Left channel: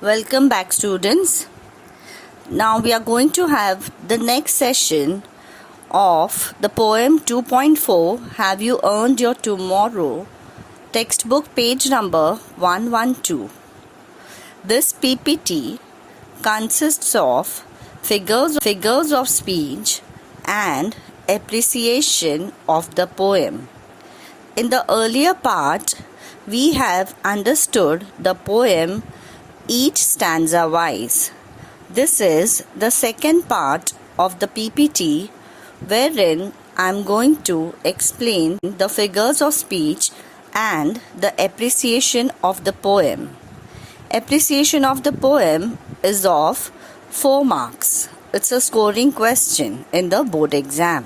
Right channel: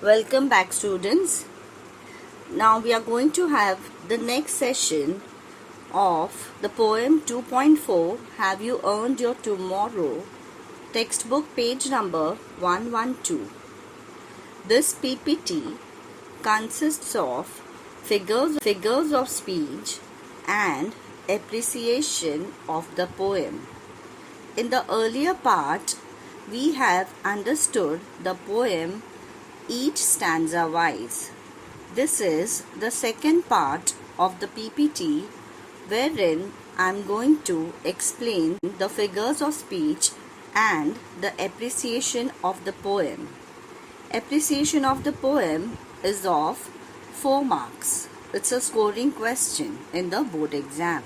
Welcome back, students. Now we are going to have the next session of the poem 2.4 Have You Earned Your Tomorrow? Textbook page number 112. This PPT consists of figures of speech and appreciation of the poem. In the earlier part, we have understood the poem each stanza wise. This is the second part of the PPT wherein I am going to explain the figures of speech and the appreciation of the poem. Appreciation of the poem is of 4 marks. It's a scoring question in the board exam.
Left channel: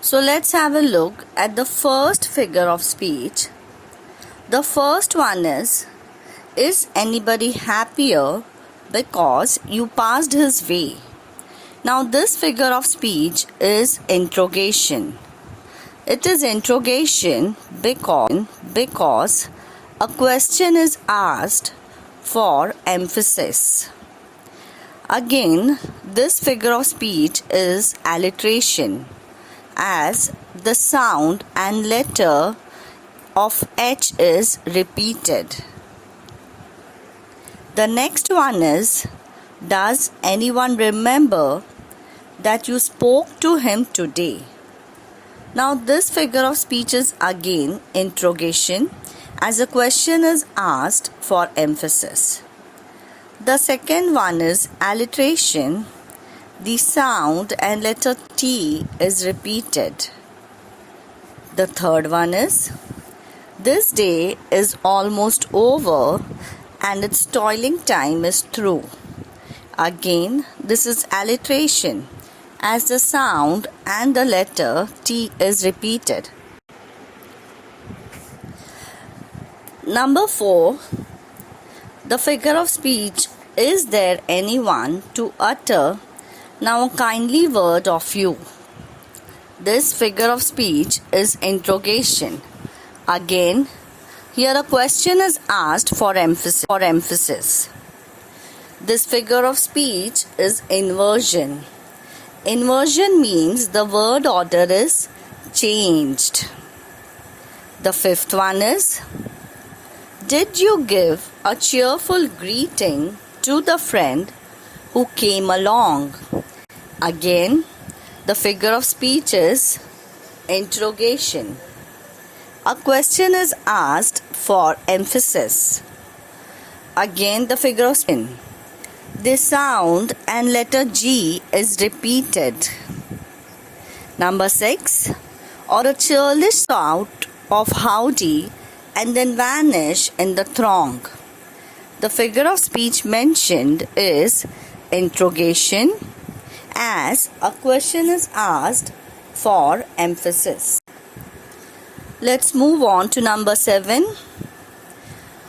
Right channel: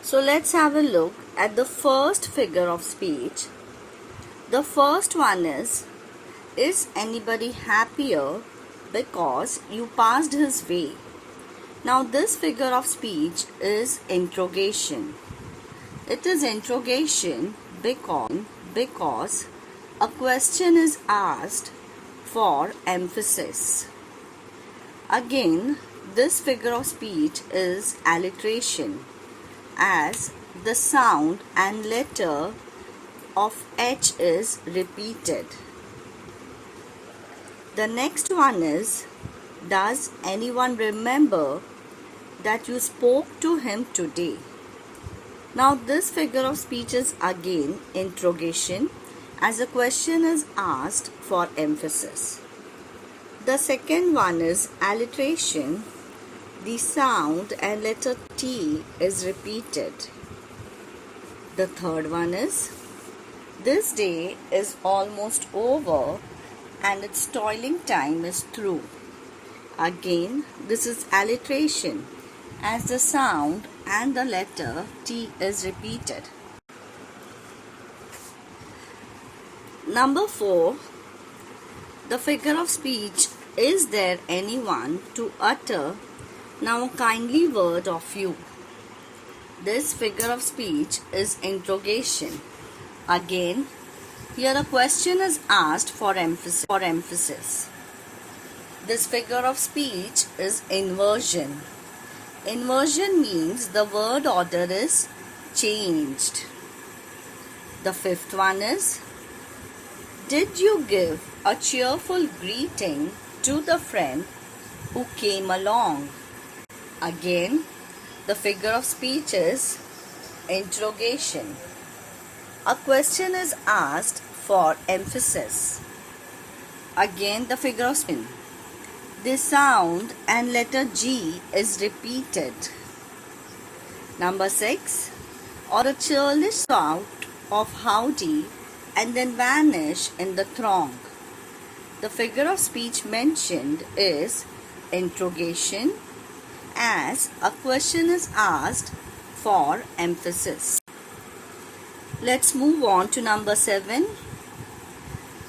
So let's have a look at the first figure of speech. The first one is anybody happier because you passed his way? Now this figure of speech is interrogation. It is interrogation because a question is asked for emphasis. Again, this figure of speech is alliteration, as the sound and letter of H is repeated. The next one is, does anyone remember that you spoke to him today? Now this figure of speech is again interrogation, as a question is asked for emphasis. The second one is alliteration. The sound and letter T is repeated. The third one is, this day is almost over and its toiling time is through. Again, this is alliteration, as the sound and the letter T is repeated. Number 4, the figure of speech, is there anyone to utter now a kindly word of you? This figure of speech is interrogation. Again, here a question is asked for emphasis. This figure of speech is inversion. Inversion means the word order is changed. The fifth one is, did you give a cheerful greeting to the friend who came along? Again, the figure of speech is interrogation. A question is asked for emphasis. Again, the figure of speech. The sound and letter G is repeated. Number 6, or a churlish shout of howdy and then vanish in the throng. The figure of speech mentioned is interrogation, as a question is asked for emphasis. Let's move on to number 7.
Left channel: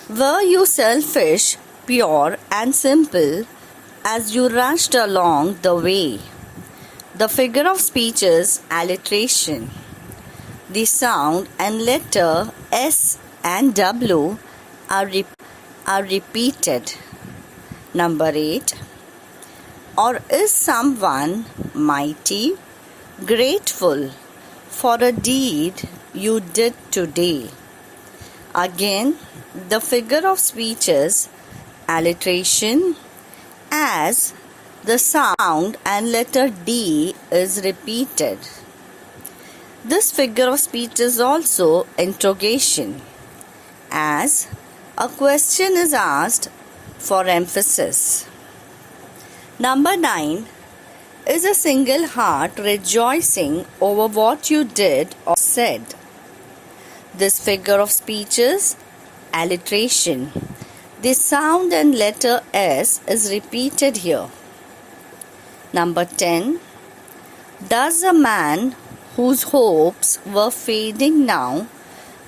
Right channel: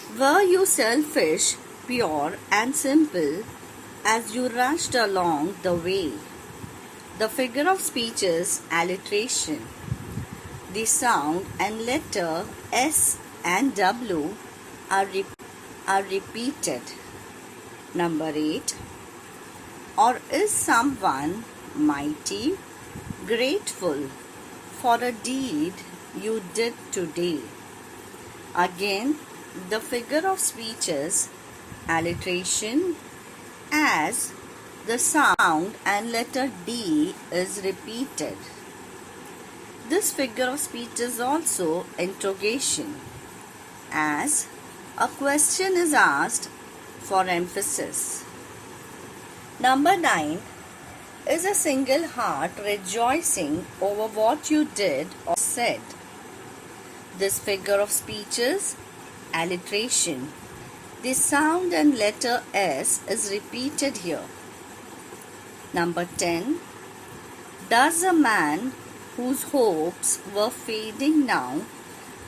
Were you selfish, pure and simple as you rushed along the way? The figure of speech is alliteration. The sound and letter S and W are repeated. Number 8. Or is someone mighty, grateful for a deed you did today? Again, the figure of speech is alliteration, as the sound and letter D is repeated. This figure of speech is also interrogation, as a question is asked for emphasis. Number 9, is a single heart rejoicing over what you did or said? This figure of speech is alliteration. The sound and letter S is repeated here. Number 10, does a man whose hopes were fading now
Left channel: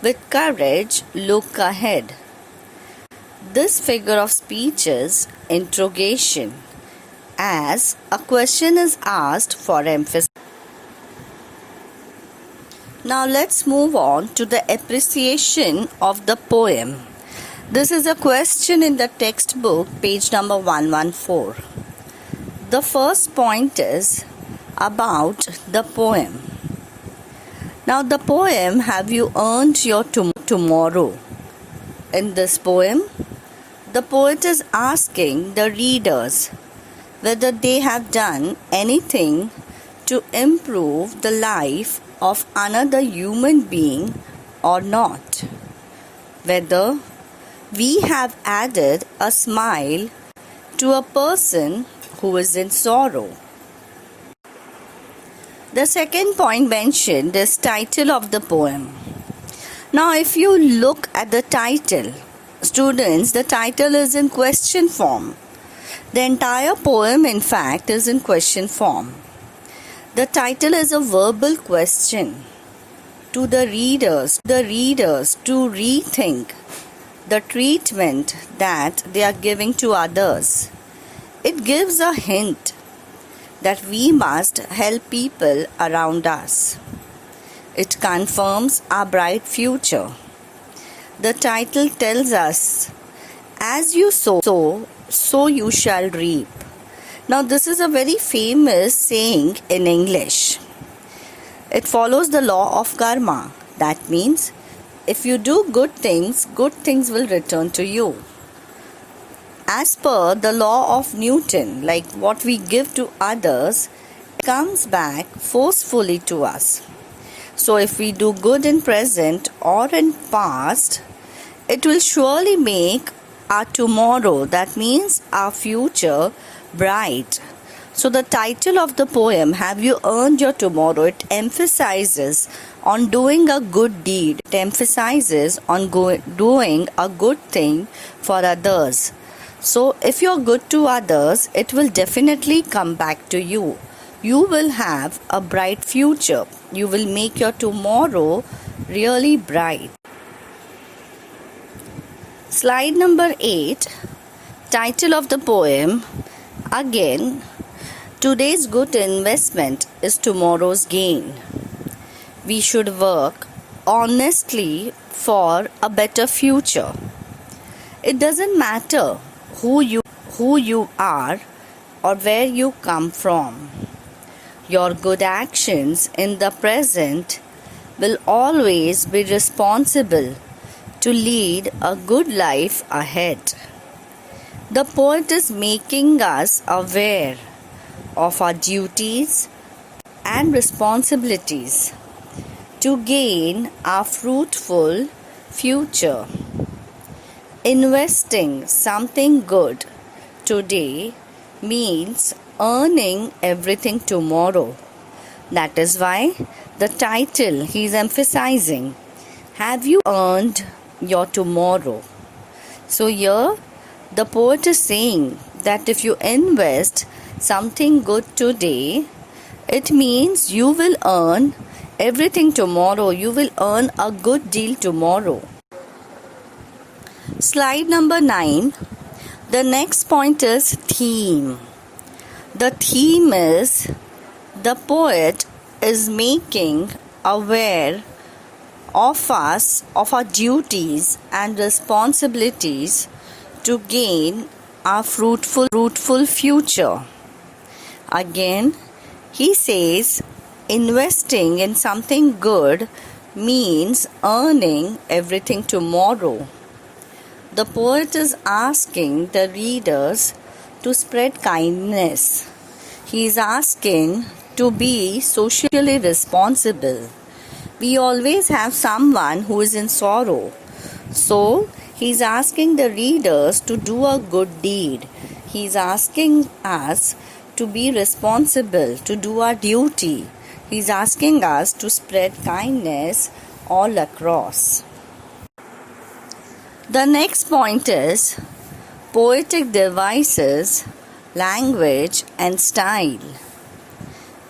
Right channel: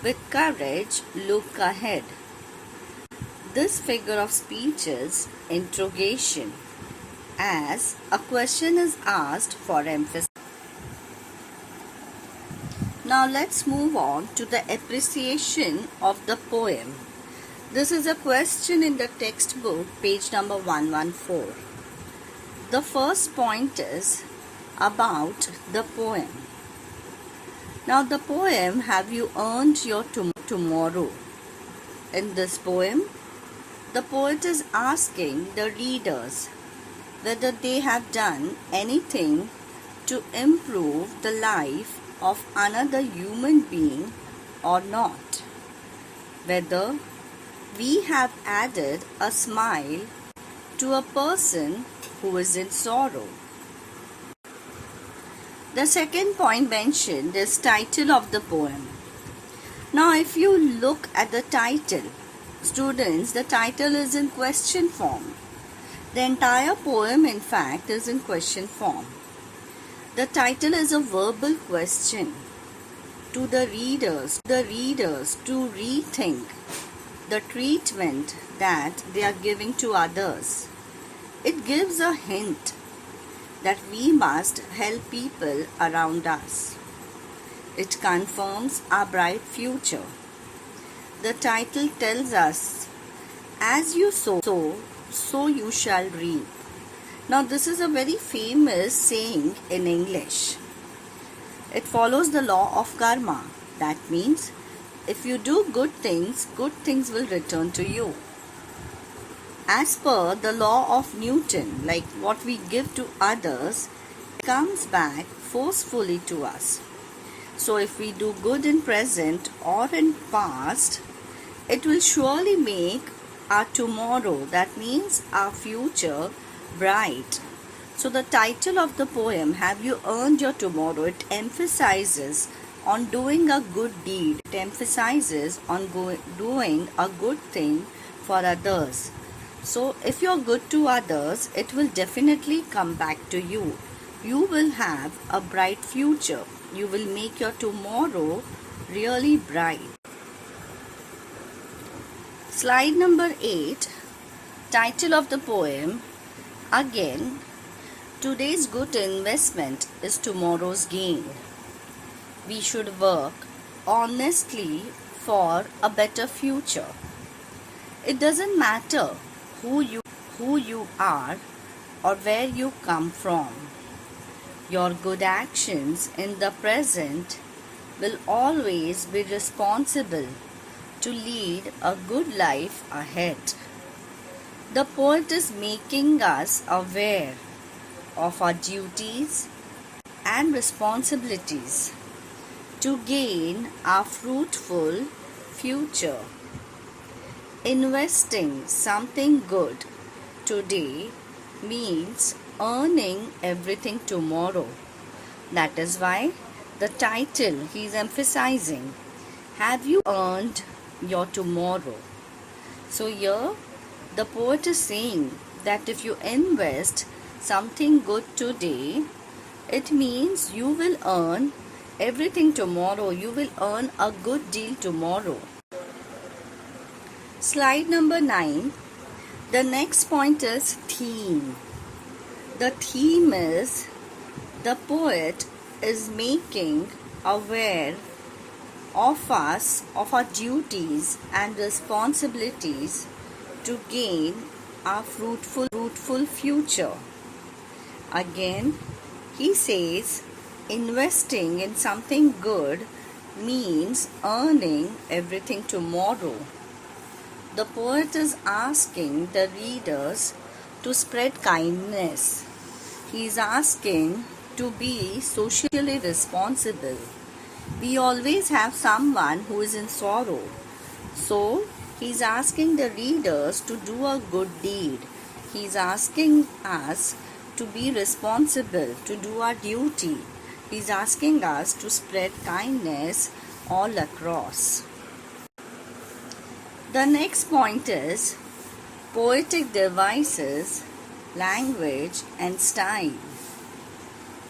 with courage look ahead? This figure of speech is interrogation, as a question is asked for emphasis. Now let's move on to the appreciation of the poem. This is a question in the textbook, page number 114. The first point is about the poem. Now, the poem, Have You Earned Your Tomorrow? In this poem, the poet is asking the readers whether they have done anything to improve the life of another human being or not. Whether we have added a smile to a person who is in sorrow. The second point mentioned is title of the poem. Now, if you look at the title, students, the title is in question form. The entire poem, in fact, is in question form. The title is a verbal question to the readers to rethink the treatment that they are giving to others. It gives a hint that we must help people around us. It confirms our bright future. The title tells us, as you sow, so you shall reap. Now, this is a very famous saying in English. It follows the law of karma. That means, if you do good things will return to you. As per the law of Newton, like what we give to others, comes back forcefully to us. So if we do good in present or in past, it will surely make our tomorrow, that means our future, bright. So the title of the poem, Have You Earned Your Tomorrow? It emphasizes on doing a good deed. It emphasizes on doing a good thing for others. So if you're good to others, it will definitely come back to you. You will have a bright future. You will make your tomorrow really bright. Slide number 8, title of the poem, again, today's good investment is tomorrow's gain. We should work honestly for a better future. It doesn't matter who you are or where you come from. Your good actions in the present will always be responsible to lead a good life ahead. The poet is making us aware of our duties and responsibilities to gain a fruitful future. Investing something good today means earning everything tomorrow. That is why the title he is emphasizing, Have you earned your tomorrow? So here the poet is saying that if you invest something good today, it means you will earn everything tomorrow. You will earn a good deal tomorrow. Slide number 9. The next point is theme. The theme is the poet is making aware of us, of our duties and responsibilities to gain a fruitful future. Again, he says investing in something good means earning everything tomorrow. The poet is asking the readers to spread kindness. He is asking to be socially responsible. We always have someone who is in sorrow. So, he is asking the readers to do a good deed. He is asking us to be responsible, to do our duty. He is asking us to spread kindness all across. The next point is poetic devices, language and style.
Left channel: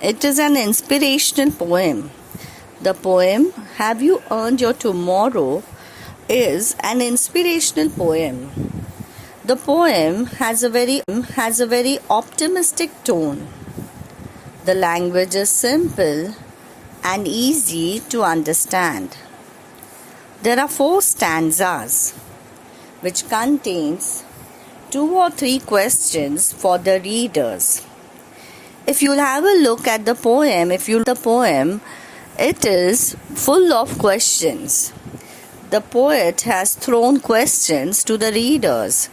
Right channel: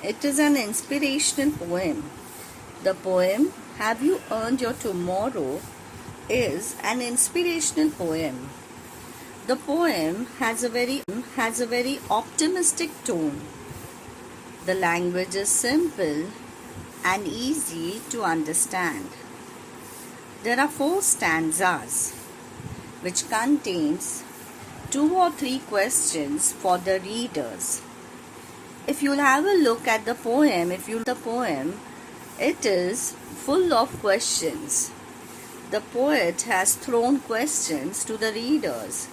It is an inspirational poem. The poem, Have You Earned Your Tomorrow? Is an inspirational poem. The poem has a very optimistic tone. The language is simple and easy to understand. There are 4 stanzas. which contains 2 or 3 questions for the readers. If you'll have a look at the poem, it is full of questions. The poet has thrown questions to the readers.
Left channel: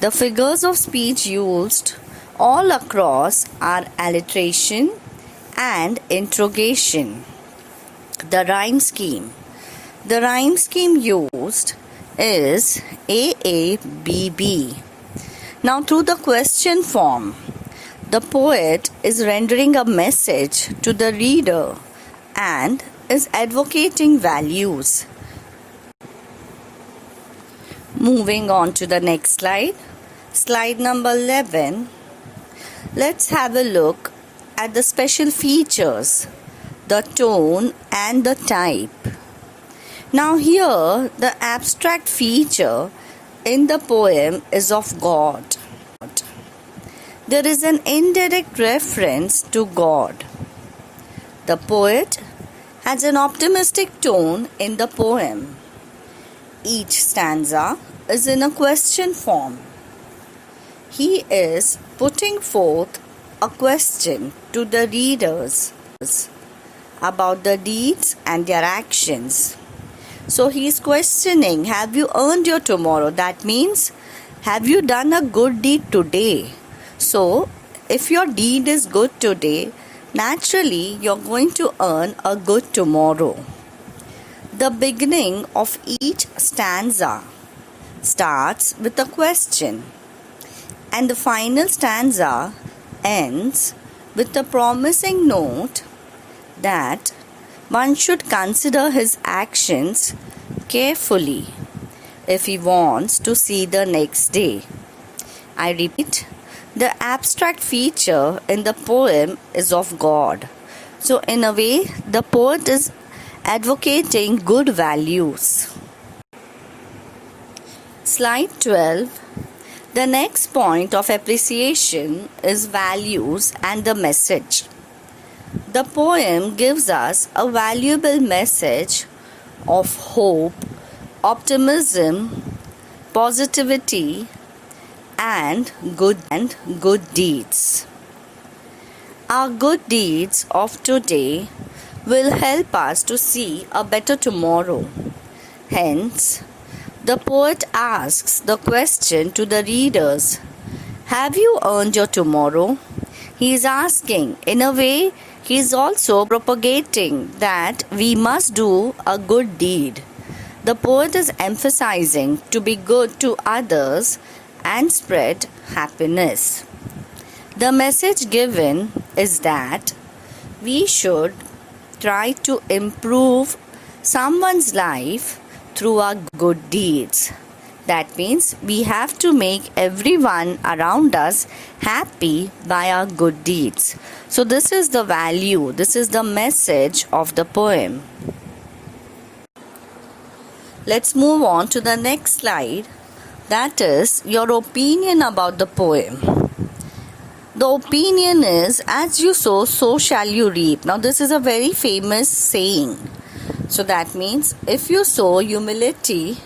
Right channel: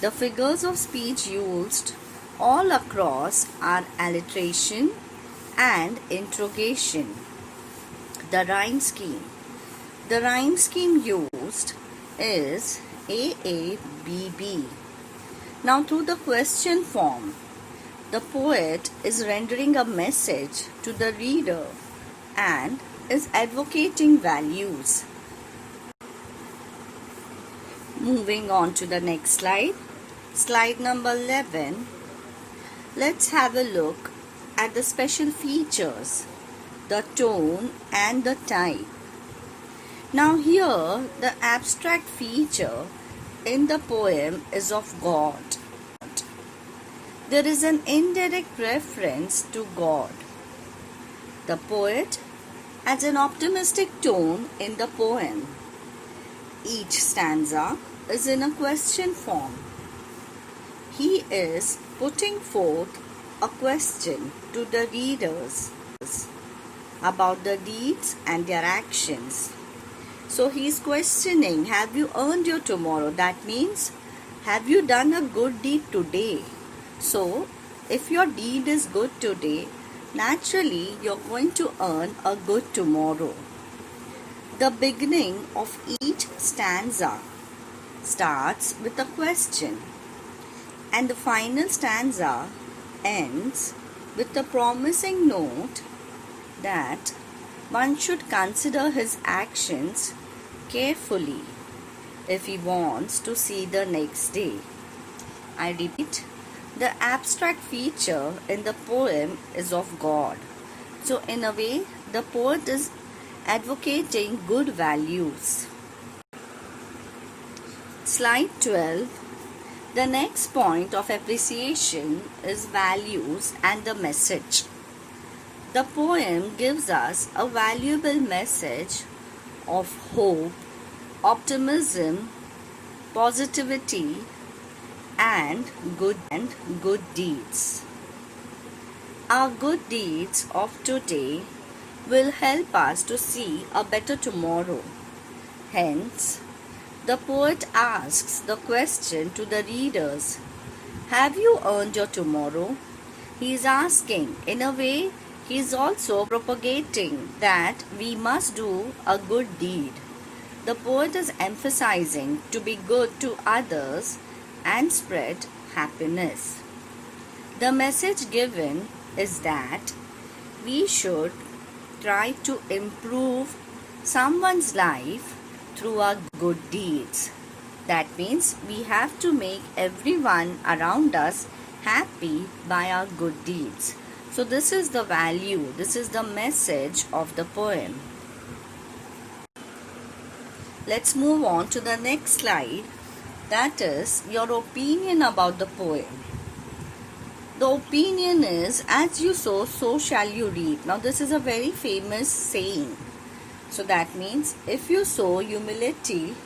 The figures of speech used all across are alliteration and interrogation. The rhyme scheme. The rhyme scheme used is AABB. Now, through the question form, the poet is rendering a message to the reader and is advocating values. Moving on to the next slide, slide number 11. Let's have a look at the special features, the tone and the type. Now here, the abstract feature in the poem is of God. There is an indirect reference to God. The poet has an optimistic tone in the poem. Each stanza is in a question form. He is putting forth a question to the readers about the deeds and their actions. So he is questioning, have you earned your tomorrow? That means, have you done a good deed today? So, if your deed is good today, naturally you're going to earn a good tomorrow. The beginning of each stanza starts with a question, and the final stanza ends with a promising note that one should consider his actions carefully if he wants to see the next day. I repeat, the abstract feature in the poem is of God. So, in a way, the poet is advocating good values. Slide 12. The next point of appreciation is values and the message. The poem gives us a valuable message of hope, optimism, positivity, and good deeds. Our good deeds of today will help us to see a better tomorrow. Hence, the poet asks the question to the readers, have you earned your tomorrow? He is asking, in a way, he is also propagating that we must do a good deed. The poet is emphasizing to be good to others and spread happiness. The message given is that we should try to improve someone's life through our good deeds. That means we have to make everyone around us happy by our good deeds. So this is the value, this is the message of the poem. Let's move on to the next slide. That is your opinion about the poem. The opinion is, as you sow, so shall you reap. Now this is a very famous saying. So that means if you sow humility,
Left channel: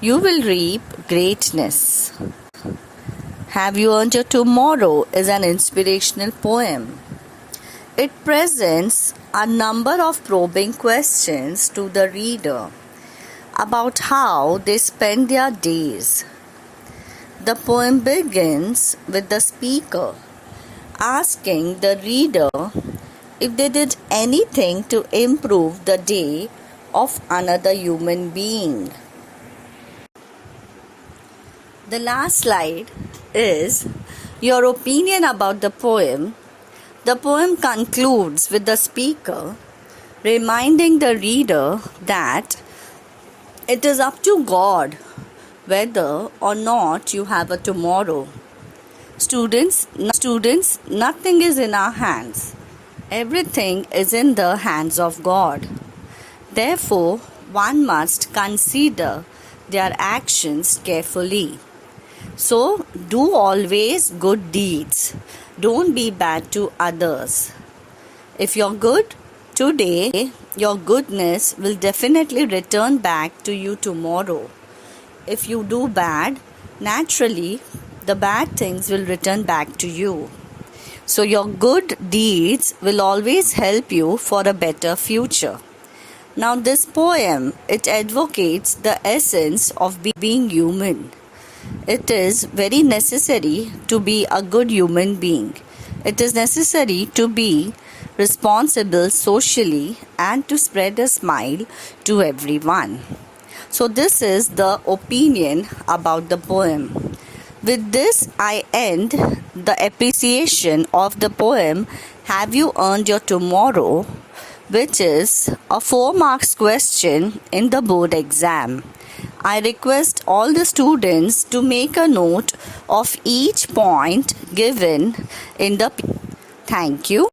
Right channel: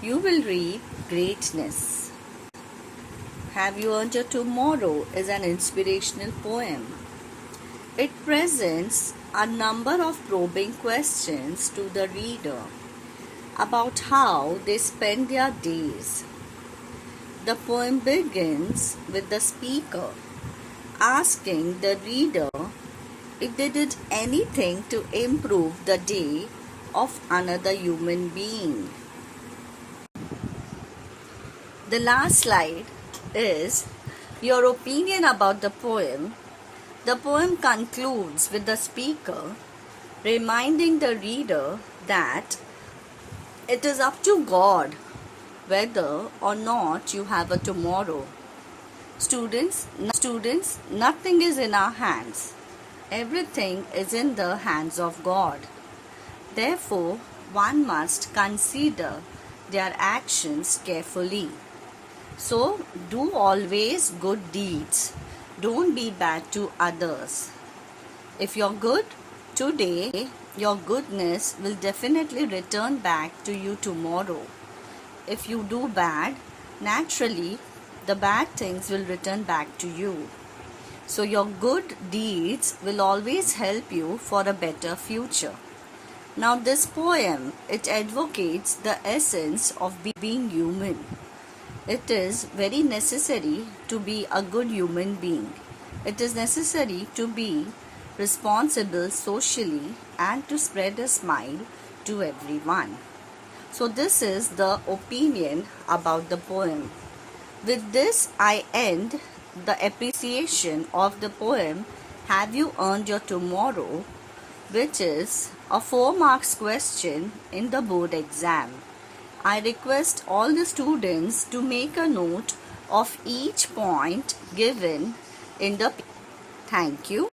you will reap greatness. Have you earned your tomorrow is an inspirational poem. It presents a number of probing questions to the reader about how they spend their days. The poem begins with the speaker asking the reader if they did anything to improve the day of another human being. The last slide is your opinion about the poem. The poem concludes with the speaker reminding the reader that it is up to God whether or not you have a tomorrow. Students, nothing is in our hands. Everything is in the hands of God. Therefore, one must consider their actions carefully. So, do always good deeds. Don't be bad to others. If you're good today, your goodness will definitely return back to you tomorrow. if you do bad, naturally the bad things will return back to you. So your good deeds will always help you for a better future. Now this poem, it advocates the essence of being human. It is very necessary to be a good human being. It is necessary to be responsible socially and to spread a smile to everyone. So this is the opinion about the poem. With this, I end the appreciation of the poem Have You Earned Your Tomorrow, which is a 4 marks question in the board exam. I request all the students to make a note of each point given in the. Thank you.